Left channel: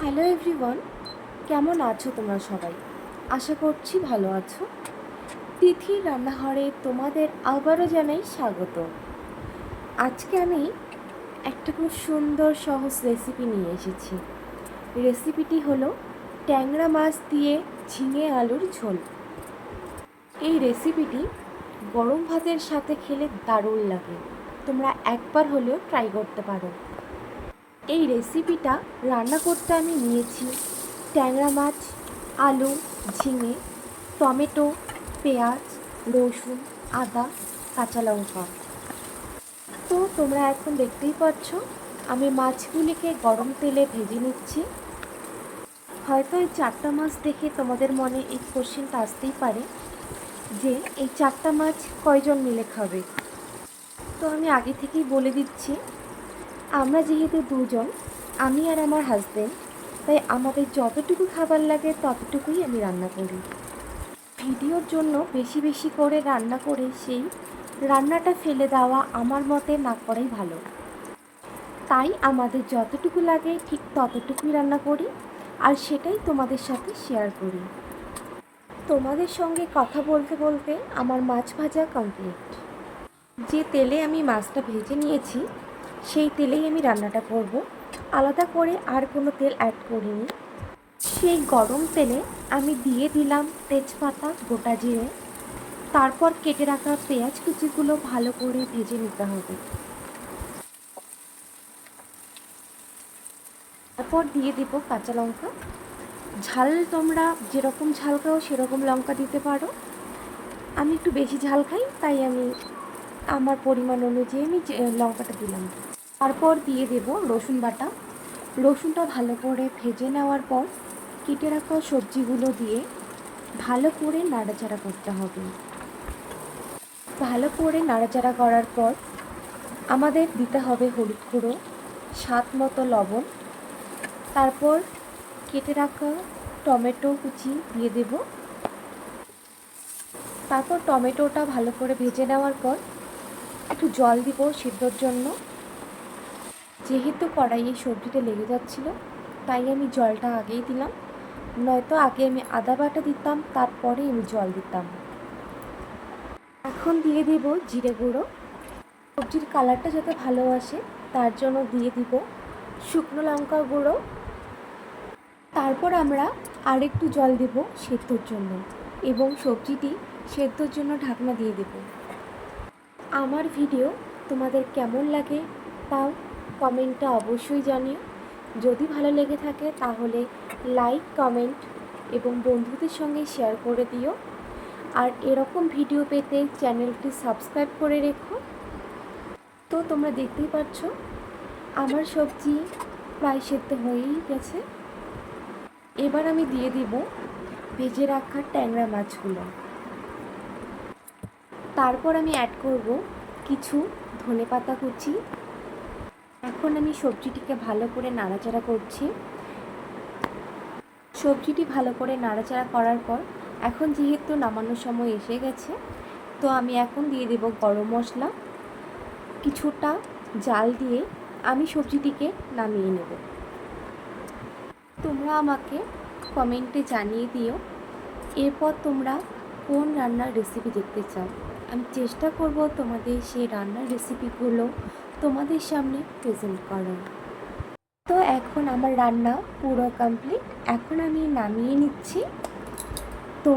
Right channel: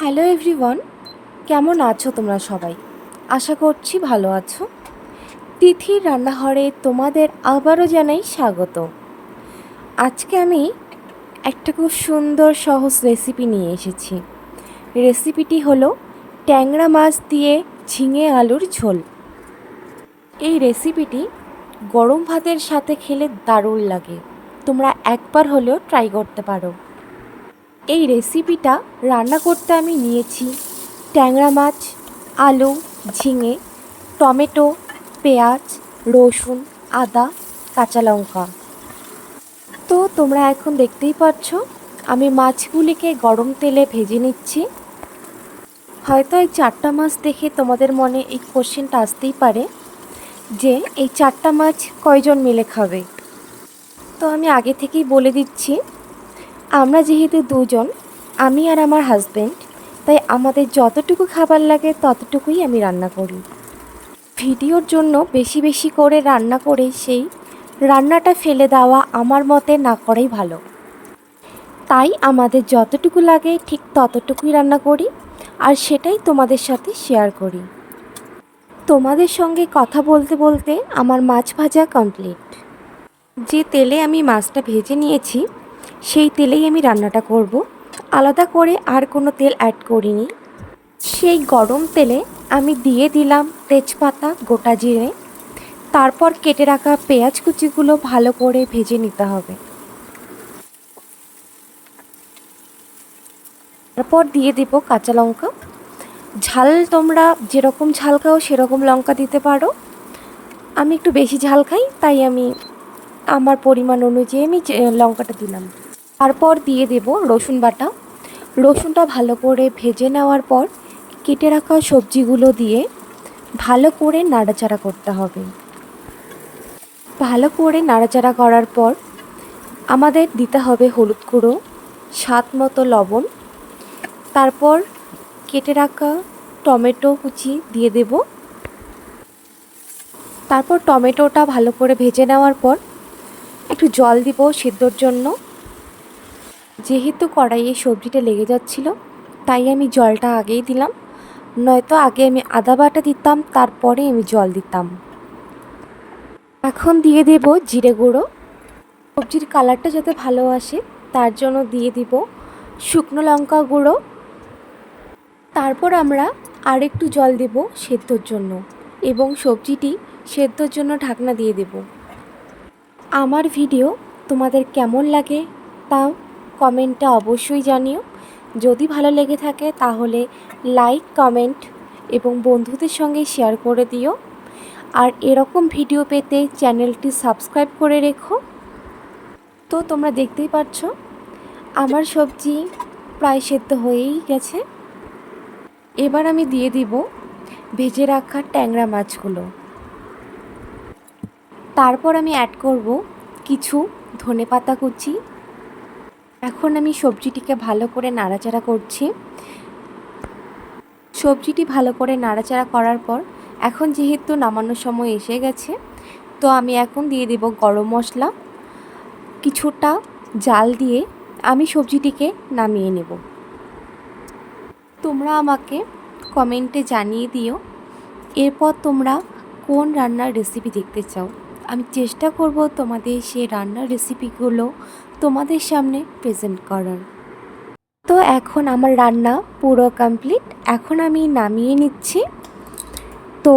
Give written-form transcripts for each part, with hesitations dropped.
Hello everyone, কেমন আছো তোমরা সবাই? আশা করছি ভালো আছো। তিথির রান্নাঘরে তোমাদের আবারও জানাই স্বাগত। আজকে আমি একটা খুব সুন্দর সহজ রেসিপি নিয়ে এসেছি। রেসিপিটি হলো ট্যাংরা মাছ দিয়ে ঝিঙে আলুর ঝোল। এই রেসিপিটি গরম ভাতের সাথে খেলে দারুণ লাগে। তোমরা একবার হলেও ট্রাই করতে পারো। এই রেসিপিটা রান্না করতে আমি নিয়েছি ট্যাংরা মাছ, আলু, ঝিঙে, টমেটো, পেঁয়াজ, রসুন, আদা, কাঁচা লঙ্কা। তো তোমরা এখন দেখতেই পাচ্ছ আমি মাছগুলিকে গরম তেলে ভেজে নিচ্ছি। হয়তো এই 4টা মাছ দেখে তোমাদের মনে এই কোশ্চেনটা আসতেই পারে যে এই 4টা মাছ কয়জন মিলে খাবে। তো আমি আগে থেকেই বলে দিচ্ছি, আমরা যেহেতু দুজন, আমি আর আমার হাজব্যান্ড, তাই আমাদের যতটুকু খাবার লাগে ততটুকুই আমি রান্না করি। ভিডিওর জন্য বেশি বেশি করে রান্না করে সেই রান্নাটা ফেলে দেওয়া আমার মতে না করাই ভালো। তাই আমাদের যতটুকু লাগে ঠিক ততটুকুই রান্না করি আর সেটাই তোমাদের সাথে শেয়ার করি। তোমাদের সঙ্গে কথা বলতে বলতে আমার মাছ ভাজা কমপ্লিট। যে তেলে আমি মাছটা ভেজে নিয়েছি সেই তেলেই আমি রান্নাটা করব। আলাদা করে আর কোনো তেল অ্যাড করিনি। সেই গরম তেলে আমি দিয়ে দিলাম তেজপাতা, গোটা জিরে, তারপর কেটে রাখা পেঁয়াজ কুচিগুলো ভালো করে ভেজে নিতে হবে। তারপর দিয়ে দেব কাঁচা লঙ্কা। ঝাল তোমরা যেরকম ঝাল খাও সেরকম লঙ্কা দিতে পারো। আমি একটু বেশি ঝাল খাই, তাই আমি আমার পরিমাণ অনুযায়ী আমি লঙ্কাটা দিলাম। তারপর দিয়ে দেব রসুন বাটা। রসুনটা ভালো করে ভেজে নেওয়ার পর কেটে রাখা সবজিগুলো দিয়ে ভালো করে নাড়াচাড়া করতে হবে। ভালো করে নাড়াচাড়া করার পর আমাদের দিতে হবে হলুদ গুঁড়ো, স্বাদ মতো লবণ, তারপর কেটে রাখা টমেটো কুচি দিয়ে দেব। তারপর টমেটোটা ভালো করে ভেজে নেওয়ার পর একটু জল দিব সেদ্ধর জন্য। যেহেতু কড়াইয়ে সবজিটা লেগে যাচ্ছিল তাই আমি জলটা আগেই দিলাম, নয়তো আগে আমি আদা বাটা দিতাম তারপরে আমি জল দিতাম। এখন দিয়ে দেব জিরে গুঁড়ো। সবজির কালারটা যাতে ভালো আসে তার জন্য দিয়ে দিব শুকনো লঙ্কা গুঁড়ো। তারপর আমরা আরেকটু জল দেব সেদ্ধর জন্য এবং সবজিটি সেদ্ধর জন্য ঢাকনা দিয়ে দেব। আমার ভিডিও তোমাদের কেমন লাগে তা কমেন্টে অবশ্যই জানিও। যদি ভালো লেগে থাকে তাহলে লাইক, কমেন্ট এবং বন্ধুদের সঙ্গে শেয়ার করে দিও। আর এরকম ভিডিও পেতে চ্যানেলটি সাবস্ক্রাইব করে রেখো। তো তোমরা দেখতেই পাচ্ছ আমার সবজি প্রায় সেদ্ধ হয়েই গেছে। এবার আমি দিয়ে দিব ভেজে রাখা ট্যাংরা মাছগুলো। তারপর আমি অ্যাড করব কিছু ধনেপাতা কুচি। এখন আমি সবজিটিকে ভালো করে নাড়াচাড়া করছি। সবজিটি ভালো করে নাড়াচাড়া করার পর এখন যেহেতু নামানোর সময় এসে গেছে, তো আমি এখন দিয়ে দেব গরম মশলা। কিছুটা জাল দিয়ে আমি সবজিটিকে নামিয়ে নেব। তোমরা আমাকে কমেন্টে জানিয়ে দিও এরপর তোমরা কোন রান্নার রেসিপি দেখতে চাও। আমি চেষ্টা করব তোমাদের সেই রান্নার রেসিপিগুলো তোমাদের সামনে প্রেজেন্ট করার। তো এখন আমার রান্না পুরো কমপ্লিট, এখন আমি নামিয়ে নিচ্ছি। তো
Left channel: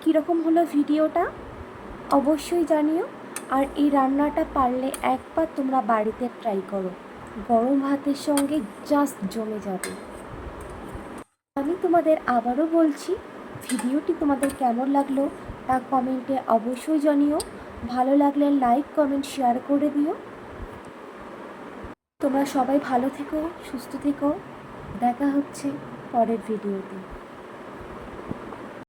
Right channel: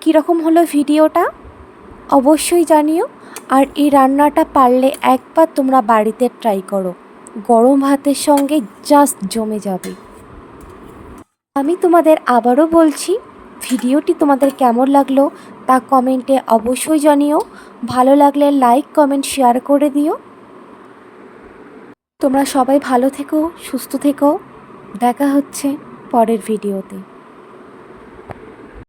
কীরকম হলো ভিডিওটা অবশ্যই জানিও। আর এই রান্নাটা পারলে একবার তোমরা বাড়িতে ট্রাই করো, গরম ভাতের সঙ্গে জাস্ট জমে যাবে। আমি তোমাদের আবারও বলছি, ভিডিওটি তোমাদের কেমন লাগলো তা কমেন্টে অবশ্যই জানিও। ভালো লাগলে লাইক, কমেন্ট, শেয়ার করে দিও। তোমরা সবাই ভালো থেকো, সুস্থ থেকো। দেখা হচ্ছে পরের ভিডিওতে।